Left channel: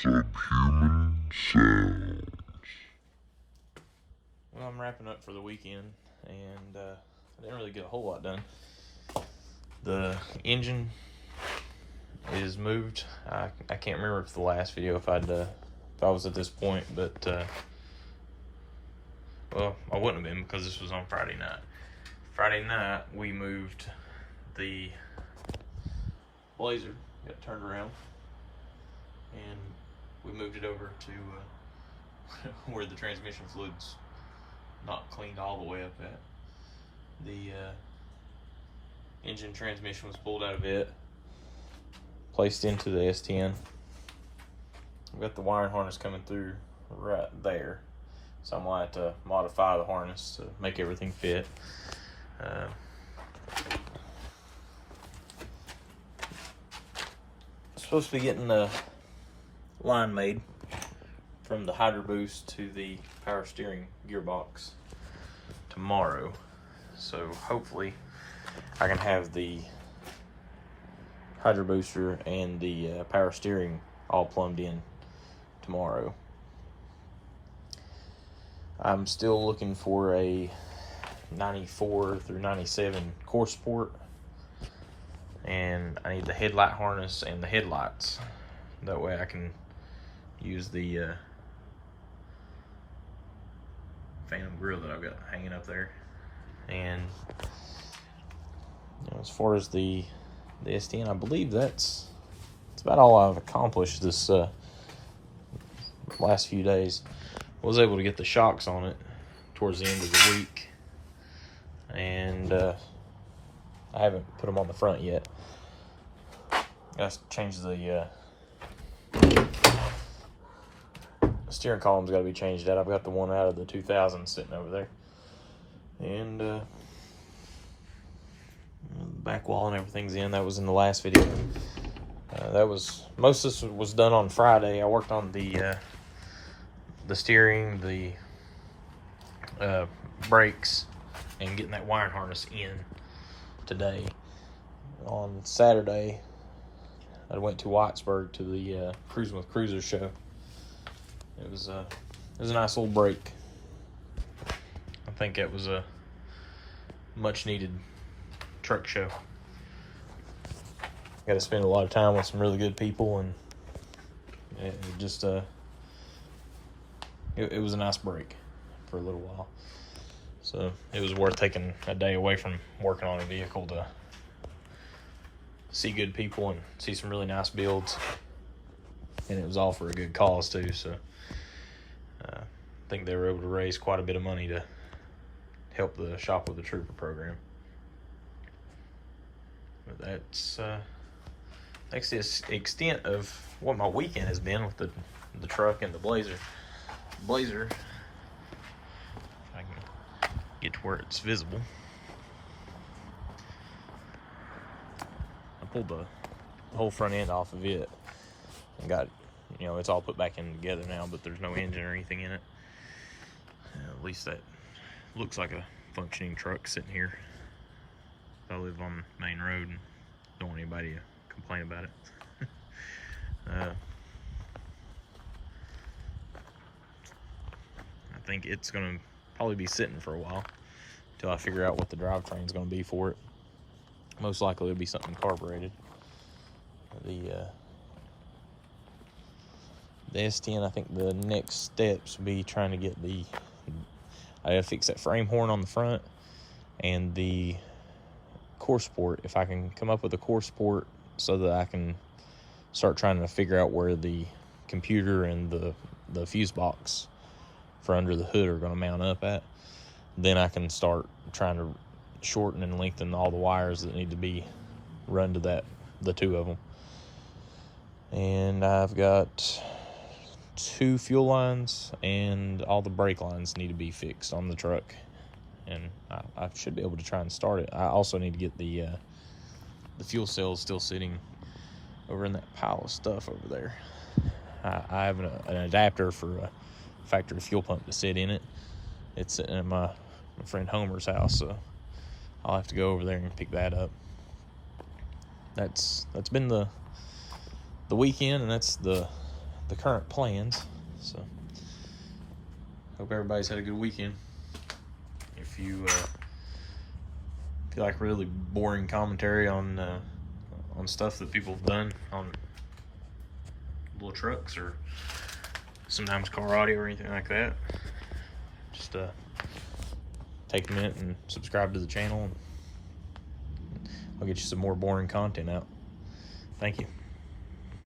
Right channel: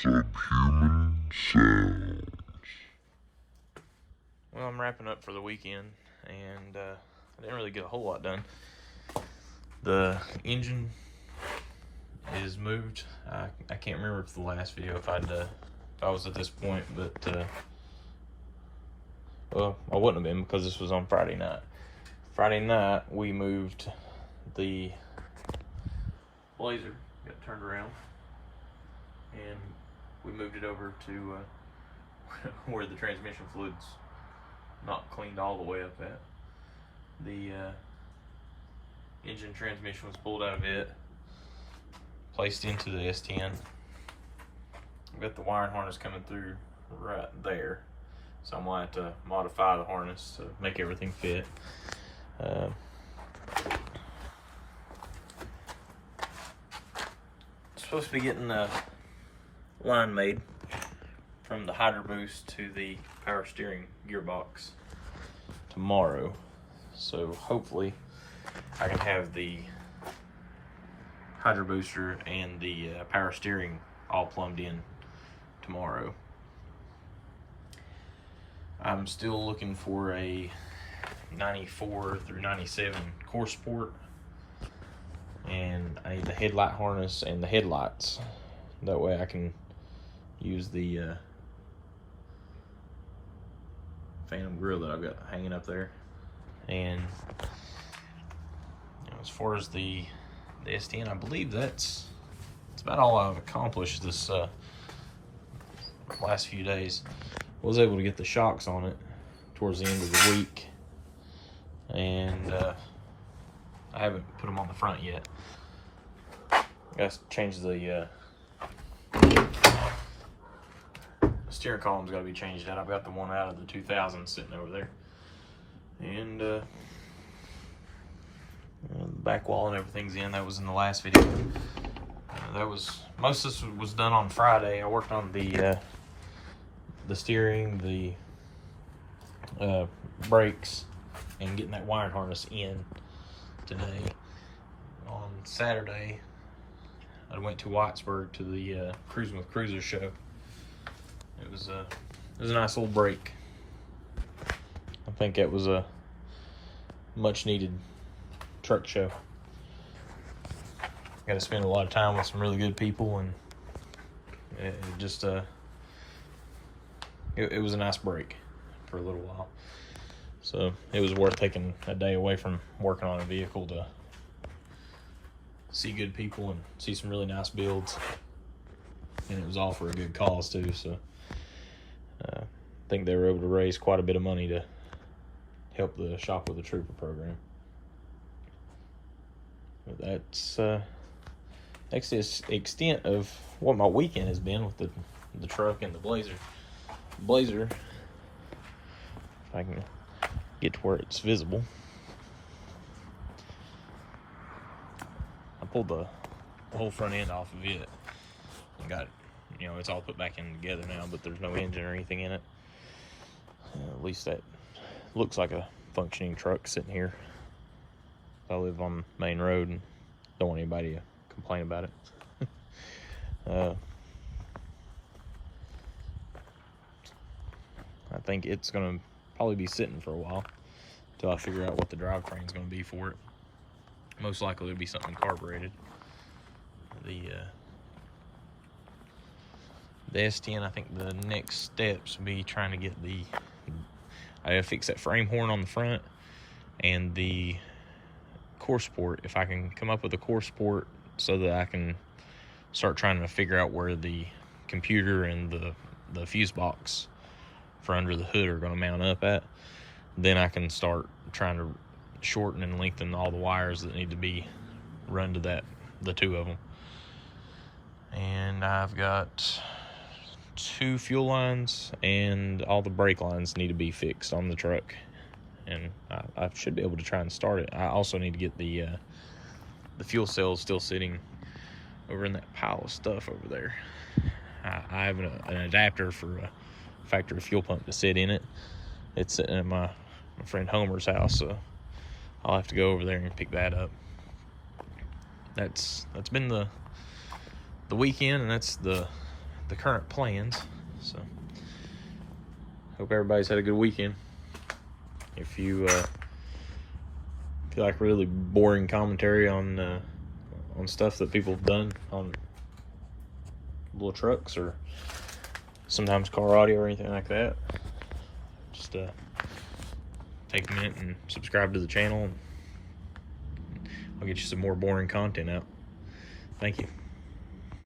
Subhuman sounds. Well, I'm wrapping up for the weekend, and I didn't really get a whole lot done. The engine is moved. I can't remember if the last video if I was at this point, but well, I wouldn't have been because this was on Friday night. Friday night we moved the Blazer, got turned around, and we moved it over to where the transmission fluid's not cleaned all the way up at. The engine transmission was pulled out of it, placed into the S10. I've got the wiring harness coming through right there, so I'm gonna have to modify the harness to make everything fit. Supposed to be getting the line made from the hydro boost to the power steering gearbox tomorrow, so hopefully I can have the hydro booster and the power steering all plumbed in tomorrow. I'm still looking for a 94 through 97 core support, and I need the headlight harness and the headlights. That way I can use the Phantom grill that I've got hanging up there. And as far as the S10, I believe that's about all I've accomplished this last few days. I was able to get the shocks on it towards the end of the week, and I haven't put them on the front yet. Got to change the steering column's got to be changed out. I've got the one out of the 2000 sitting over there, and the back wall and everything's in. That was in the last video. That was most of this was done on Friday. I worked on the steering, the brakes, and getting that wiring harness in today. On Saturday, I went to Whitesburg to the Cruising with Cruisers show. It was a nice little break. I think it was a much needed truck show. Got to spend a lot of time with some really good people, and it just it was a nice break for a little while. So it was worth taking a day away from working on a vehicle to see good people and see some really nice builds. And it was all for a good cause too. So I think they were able to raise quite a bit of money to help the Shop with a Trooper program. But that's the extent of what my weekend has been with the truck and the Blazer. Blazer, if I can get to where it's visible. I pulled the whole front end off of it and got, it's all put back in together now, but there's no engine or anything in it. At least that looks like a functioning truck sitting here. I live on main road and don't want anybody to complain about it. I think it's gonna probably be sitting for a while until I figure out what the drivetrain's gonna be for it. Most likely it'll be something carbureted. The S10, I think the next steps will be trying to get I gotta fix that frame horn on the front and the core support. If I can come up with a core support so that I can start trying to figure out where the computer and the fuse box for under the hood are going to mount up at, then I can start trying to shorten and lengthen all the wires that need to be run to the two of them. And I've got 2 fuel lines, and all the brake lines need to be fixed on the truck, and I should be able to try and start it. I also need to get the fuel cells still sitting over in that pile of stuff over there. I have an adapter for a factory fuel pump to sit in it. It's sitting at my friend Homer's house, so I'll have to go over there and pick that up. That's been the weekend, and that's the the current plans. So hope everybody's had a good weekend. If you like really boring commentary on stuff that people have done on little trucks or sometimes car audio or anything like that, just take a minute and subscribe to the channel, and I'll get you some more boring content out. Thank you.